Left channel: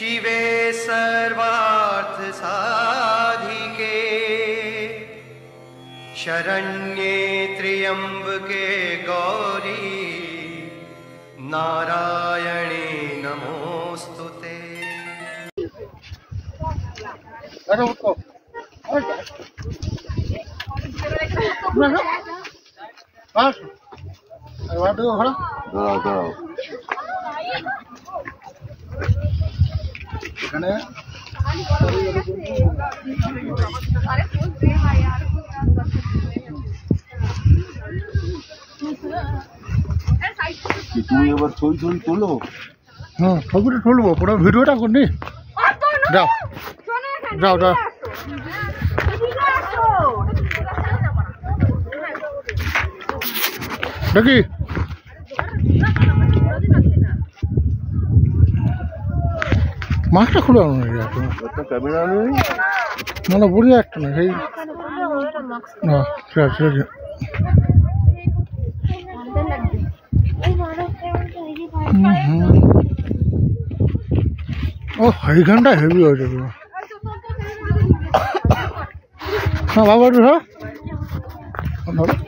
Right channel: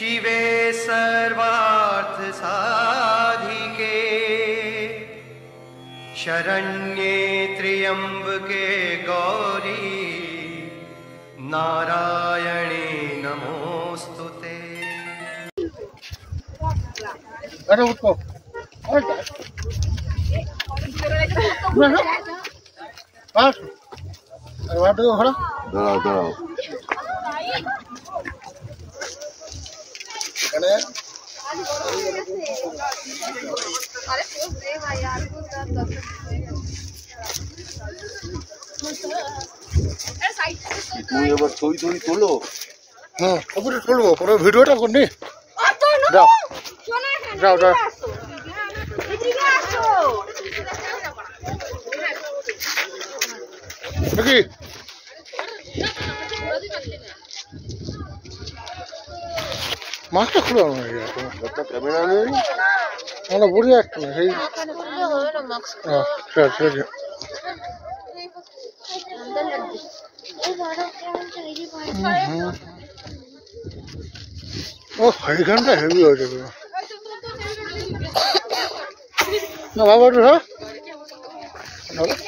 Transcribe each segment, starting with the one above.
शिवे सर्वार्थ साधिके शरण्ये त्र्यंबके गौरी नारायणे नमोस्तुते। अरे उठो দাঁড়াও এখানে তুমি এবার ছবি তোলো। হ্যাঁ ছবিটা তুলবো, পুরো ভিডিওটা করনি। যাও যাও যাও দেখি মাছটা খুলে ক্যামেরা নেই মানে বুঝে একটা না সেই ও এইখানটা হেভি হয়েছে হ্যাঁ বাবা একটু হ্যাঁ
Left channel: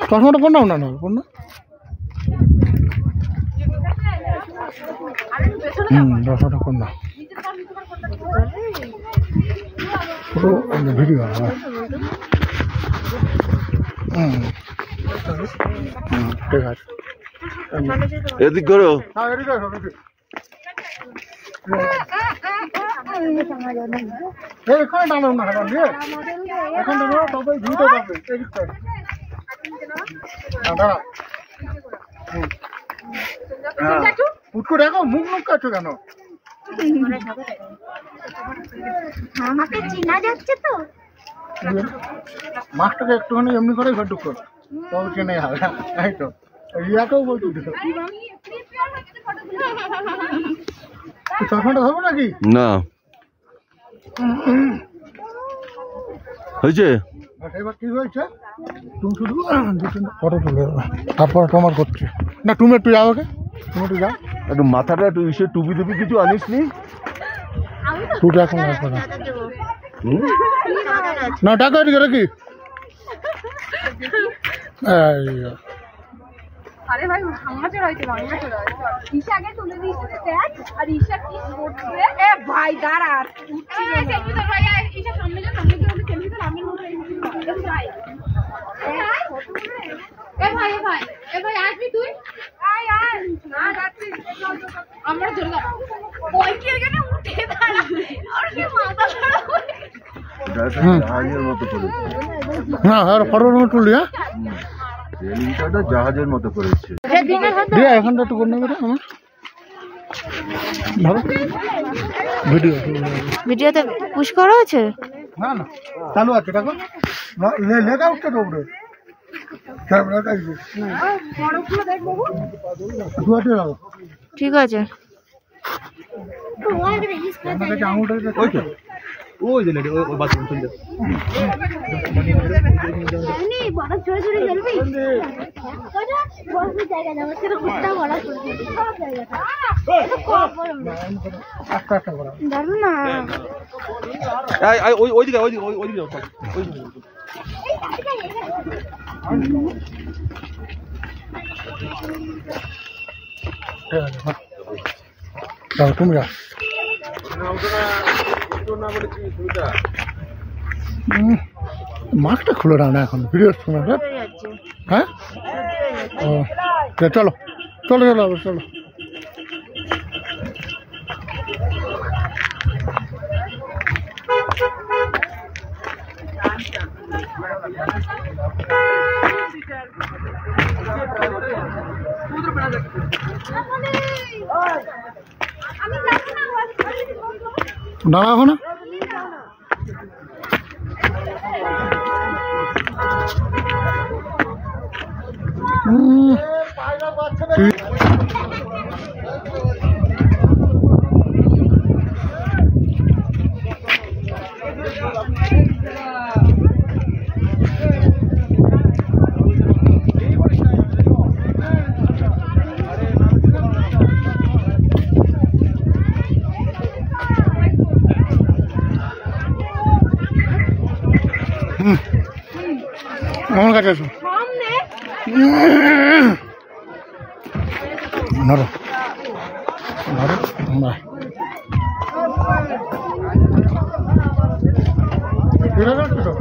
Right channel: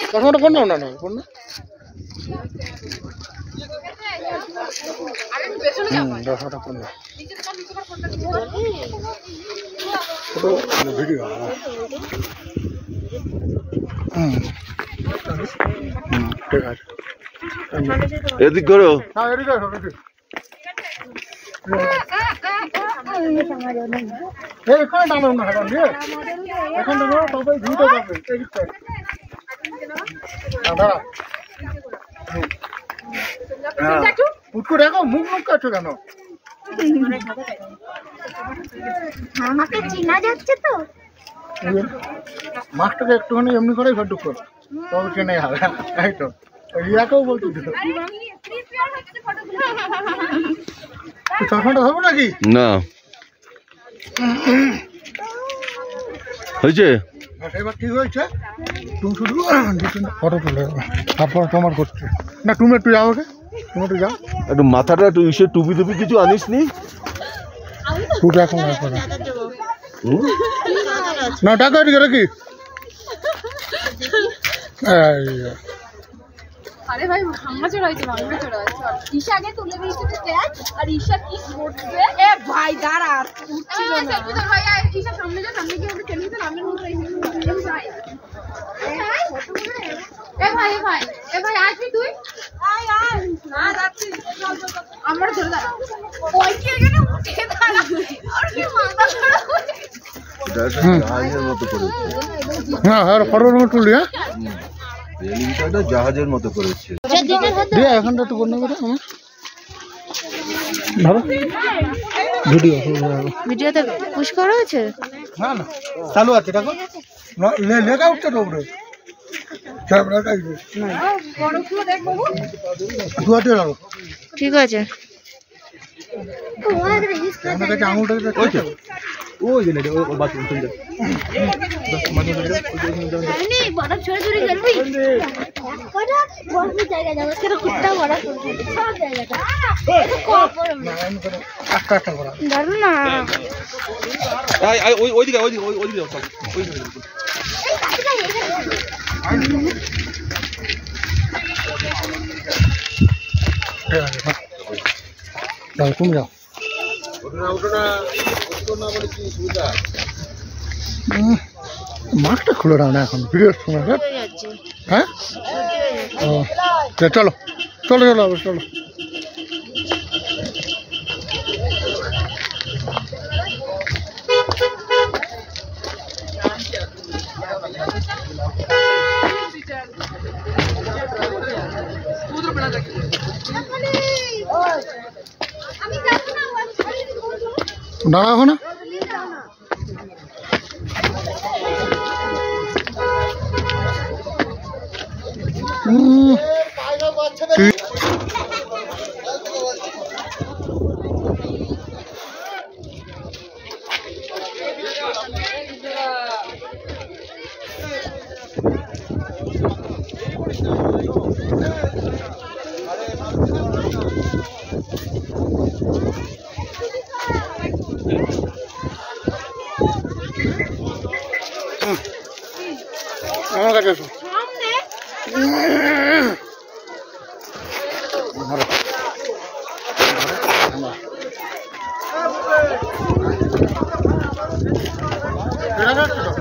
চশমাটা পড় নাও না পড় না চশমাটা পড় না ভিডিও ঠিক আছে এদিক করো হ্যাঁ এদিক আসো এখানে টানো না হাজার দিয়ে এখান থেকে সবাই ভিডিও পাবে এদিক করো দাঁড়া উঠকো দেখো মুখ কাছো কেন আমাকে চিনা যাচ্ছে তো মাছটাকে একটুখানি এমনি করে ঘর ঢুক তবে চেনে হবে তাই তো রিয়াকেও বলছি চশমাটা ধরবো নাকি না হয়েছে এবার ঠিক হয়েছে তুমি শুধু ফটো তুলে তারপরে তোমার করছে না তুমি একটু যাও ওকে তুমি একটু যাও একটু মাথাটা একটু ইসে টুপি টুপি কিছু আনিস নি টুপি এখন না টাকা এদিকে রাখি আরে ভাই ভাঙা চড়া হয়েছে ঈশা আগে তুলে দিয়েছে দেখ আর ঈশা কি করছে এ ভাই দাঁড়া উঠছিল না সেলফি তো ভাই ঈশা সামনে যা সামনে গিয়ে আমরা সেলফি তো নামের মতো এই ভাই এ ভাই আসবি তুই আয় না যাচ্ছি আমরা চলে যা ওই কি এখানে উঠে দাঁড়া আর কি মাথা জাহাজের মতো করেছে হ্যাঁ আর ফটো তুলি হ্যাঁ রেলিংটা জাহাজের মতো করেছে দিয়ে এখানটা একটু করে নেবে আমার ধরো ভিডিওতে পুশ করা আছে না না চালু আছে দেখো লেখা উঠছে তো উপরে ঠিক আছে আমার কাছে আঙুলটা ওই যে ওই বাথরুম চলে যাও আস্তে আস্তে করা ওইদিকে তুমি যা মাস্কটা খুলে না এখন ভিডিওর সময় হ্যাঁ ও চলো চলো চলো চলো দাঁড়াবো না ঠিক আমার কাছে এসো ধরো ধরো এটা যাচ্ছে তো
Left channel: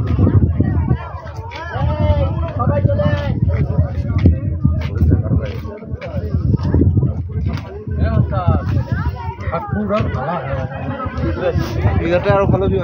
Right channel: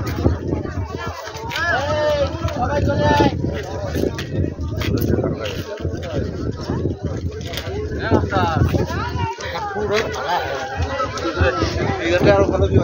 পুরো ভালো আরো ভালো দিয়ে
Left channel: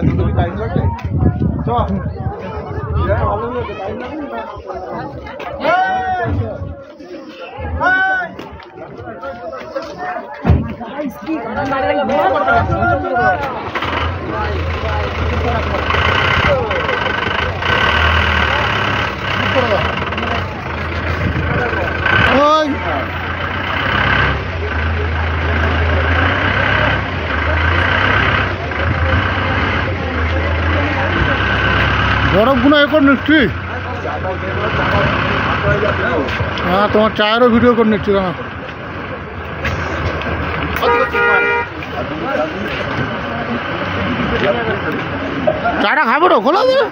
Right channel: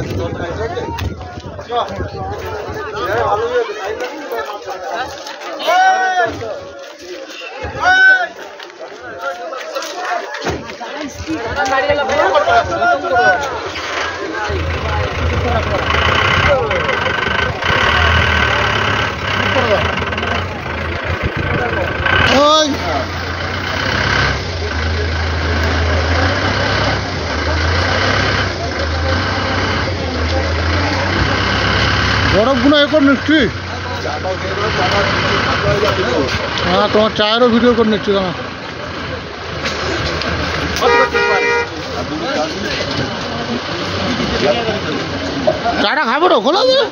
ওই বরফগুলো এ করে নিচ্ছি হ্যাঁ তোমার চায়েরও ভিডিও করে নিচ্ছি কেন চাটা খাবো তো খোলা দেবে